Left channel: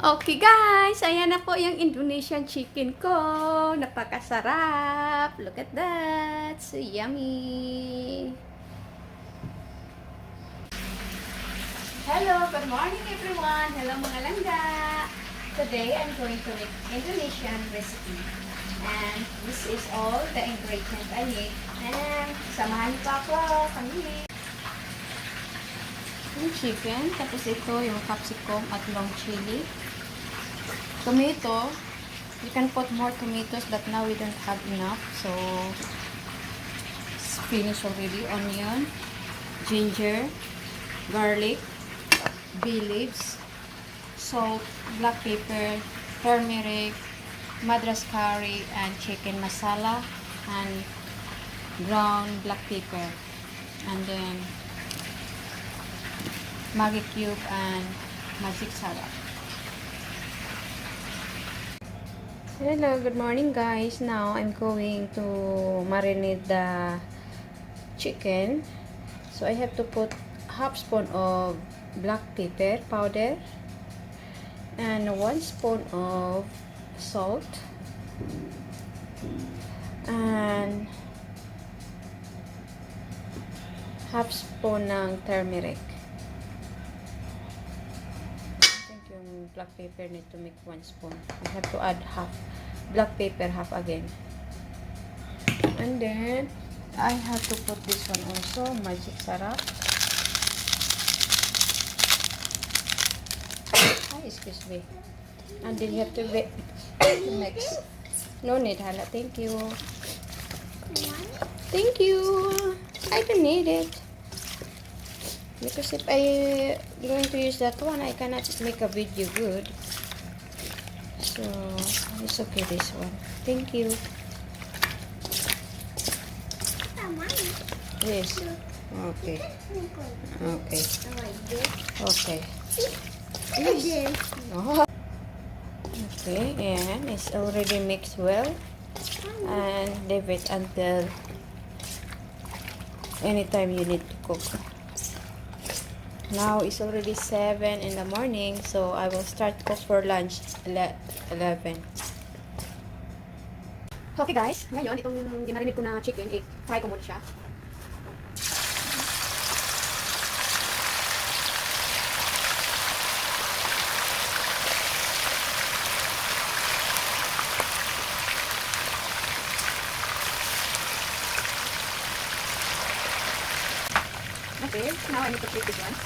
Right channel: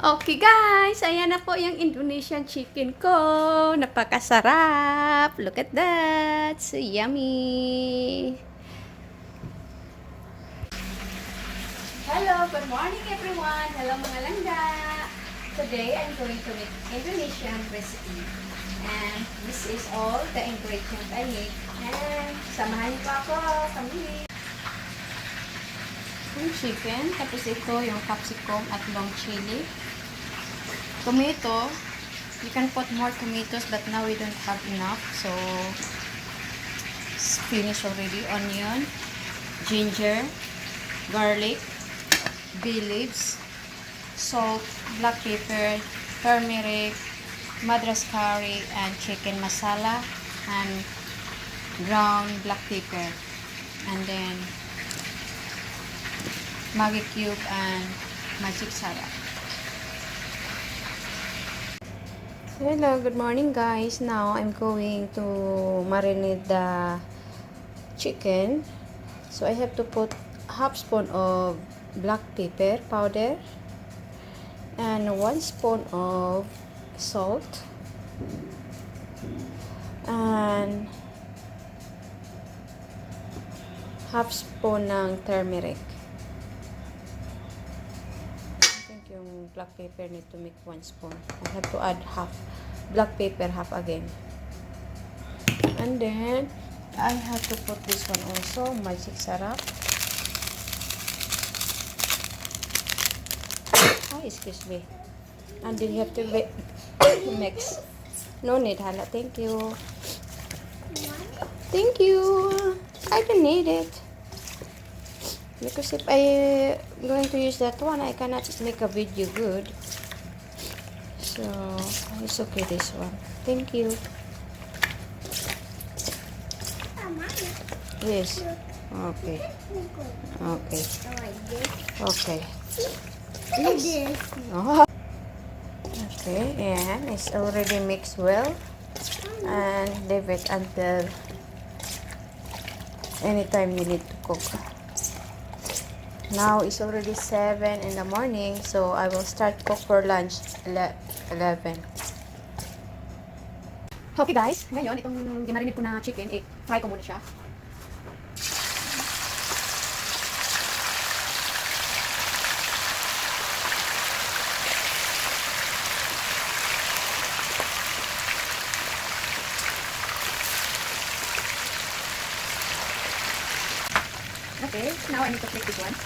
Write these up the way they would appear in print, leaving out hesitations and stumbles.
Okay guys, ayan na po yung Indonesian chicken ko. Napakasarap. Look at that. So yummy. Hello, good morning everyone. Hello mga langga. Today I'm going to make Indonesian recipe. And this is all the ingredients I need. And samahan niyo pa ako. Kami. Yung chicken, tapos ito yung capsicum at long chili. Tomato, you can put more tomatoes but now we don't have enough, so it's finished already. Onion, ginger, garlic, bay leaves, salt, black pepper, turmeric, madras curry, and chicken masala, and ground black pepper, and then Maggi cube and magic sarap. Hello, good morning guys. Now I'm going to marinate the chicken. So I have to put half spoon of black pepper powder and 1 spoon of salt and half spoon ng turmeric. Yung black pepper need to make 1 spoon. I have to add half black pepper, half again. And then I have to put this one also, magic sarap. Oh, excuse me. And then you have to mix. No need, hala. Thank you. Thank you. I don't need it. Because if I going to use that one, I cannot make a video good. So it's okay this one. Thank you. Yes. Okay. Okay. Okay. Yes. Oh. Okay, and it's already mixed well. And leave it until anytime you need to cook. Now it's already 7 in the morning, so I will start cook for lunch 11. Okay guys, ngayon itong ginarinid ko na chicken, fry ko muna siya. Okay, now I need to flip this one.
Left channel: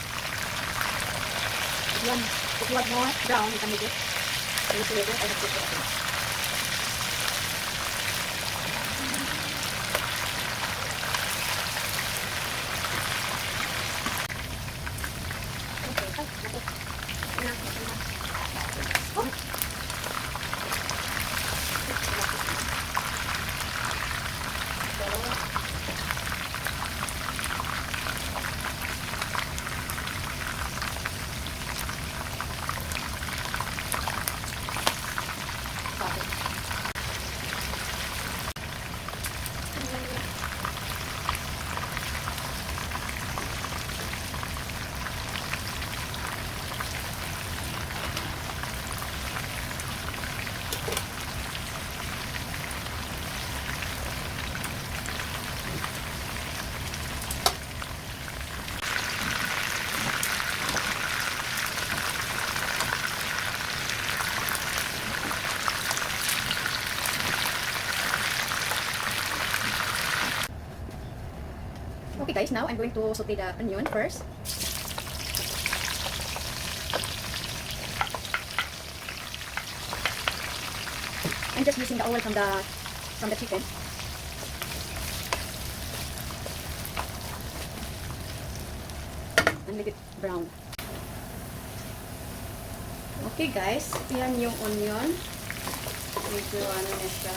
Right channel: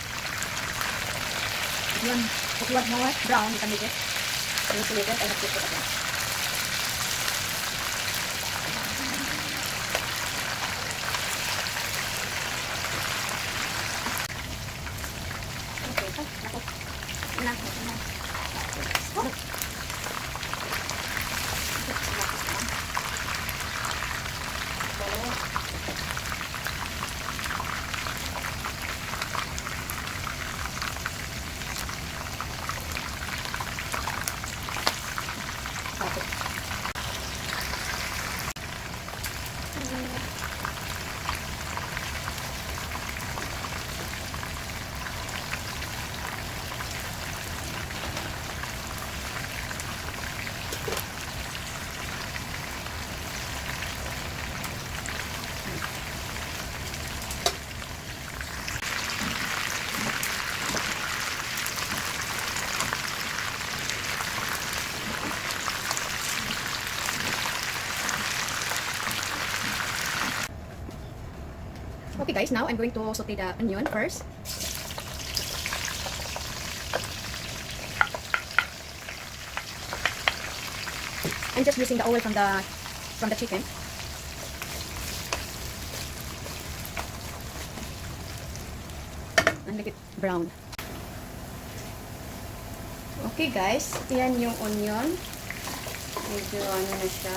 Yan, if you want more brown, you can make it. And if you want, I have to put it in. Okay guys, now I'm going to saute the onion first. I'm just using the oil from the chicken. And make it brown. Okay guys, yan yung onion. Medyo ano na siya.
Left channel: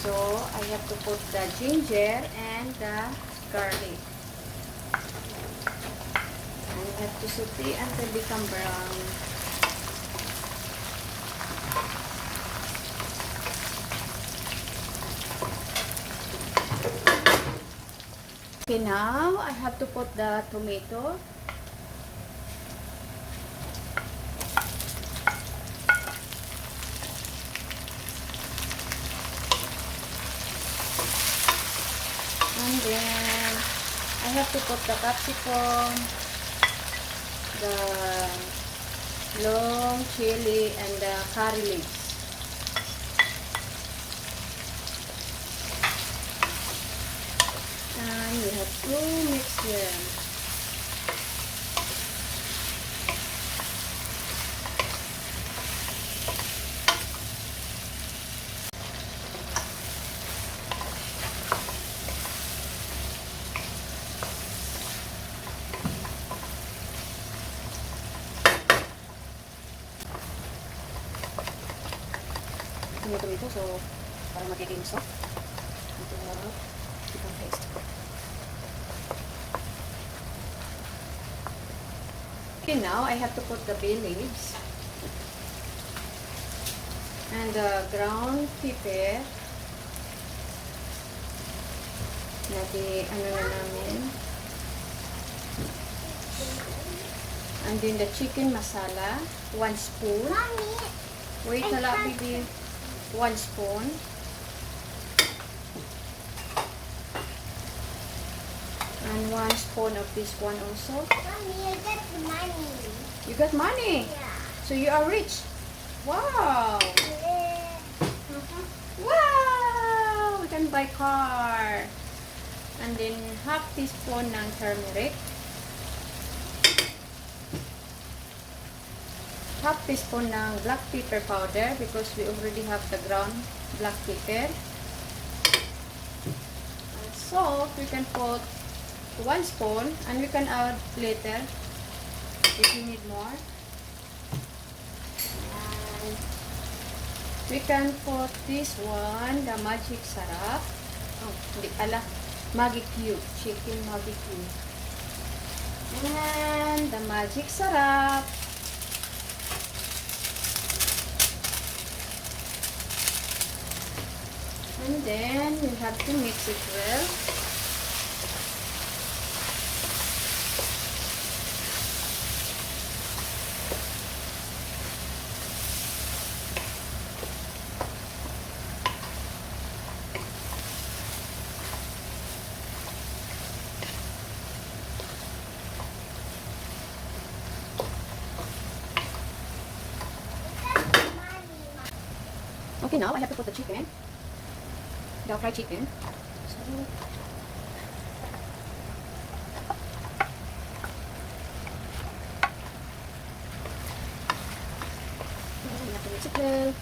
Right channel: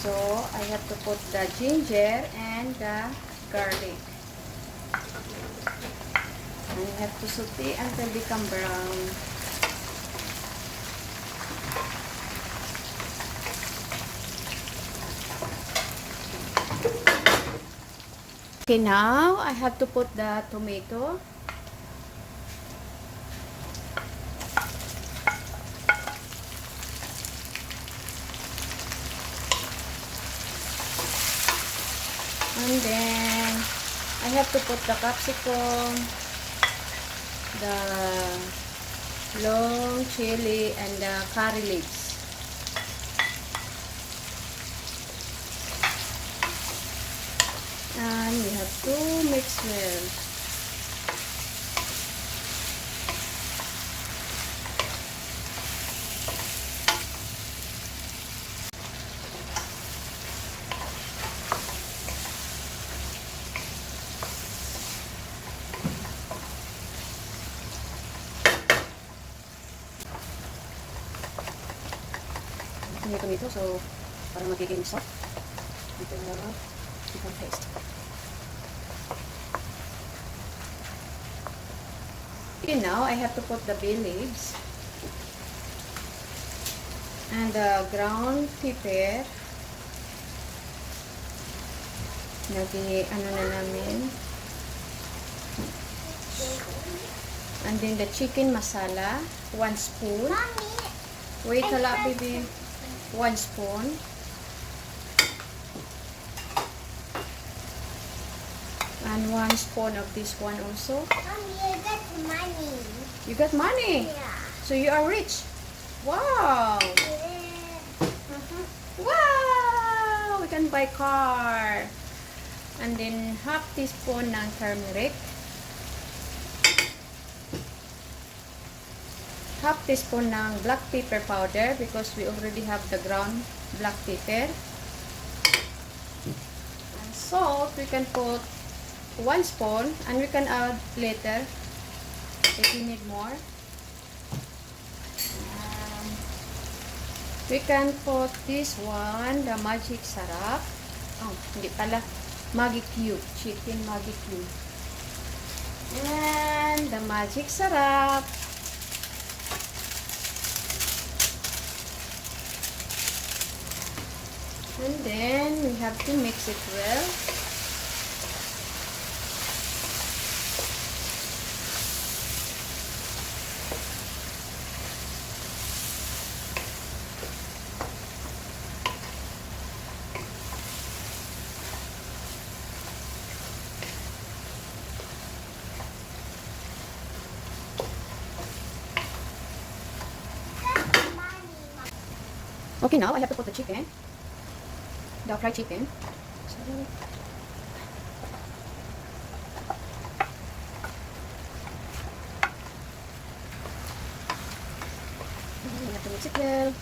So, I have to put the ginger and the garlic. And I have to saute until become brown. Okay, now I have to put the tomato. have to put the capsicum, the long chili, and the curry leaves. And we have to mix well. Ito, so para magiging soft. Ito muna. Ito first. Okay, now I have to put the bay leaves and the ground pepper. Ano na namin. And then the chicken masala, 1 spoon. Wait a lot, baby. 1 spoon. And 1 spoon of this one also. Mommy, I got money. You got money? Yeah. So you are rich. Wow. Wow. We can buy car. And then half teaspoon ng turmeric. Half teaspoon ng black pepper powder because we already have the ground black pepper. And salt, we can put 1 spoon and we can add later if you need more. And we can put this one, the magic sarap. Oh, hindi pala. Magic cube. Chicken magic cube. And the magic sarap. And then we have to mix it well. Okay, now I have to put the chicken. The fried chicken. So, we have to mix it well.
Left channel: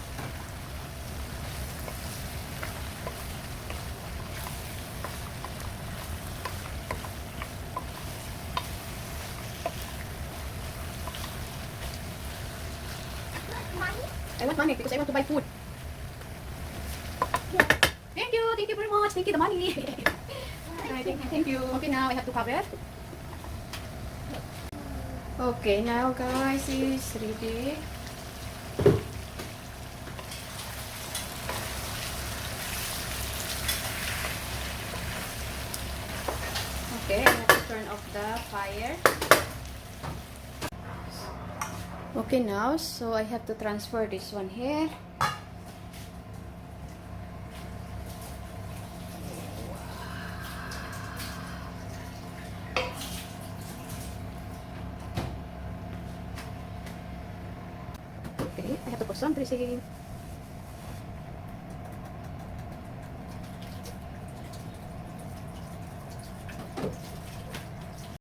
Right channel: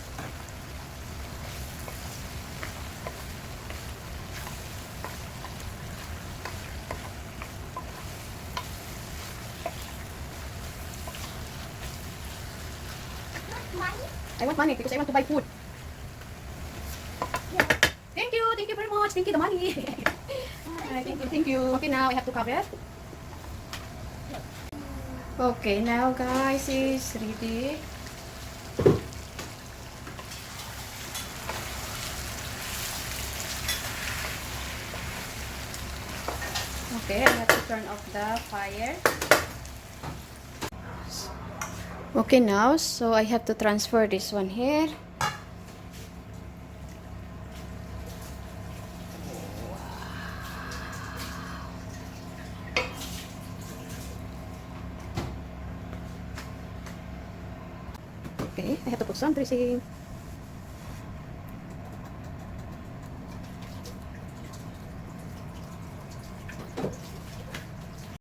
I want money because I want to buy food. Thank you very much. Thank you, the money. Alright, thank you. Okay, now I have to cover. Okay, now guys, is ready. Okay, I have to turn off the fire. Okay, now, so I have to transfer this one here. Okay, I have to put some dressing.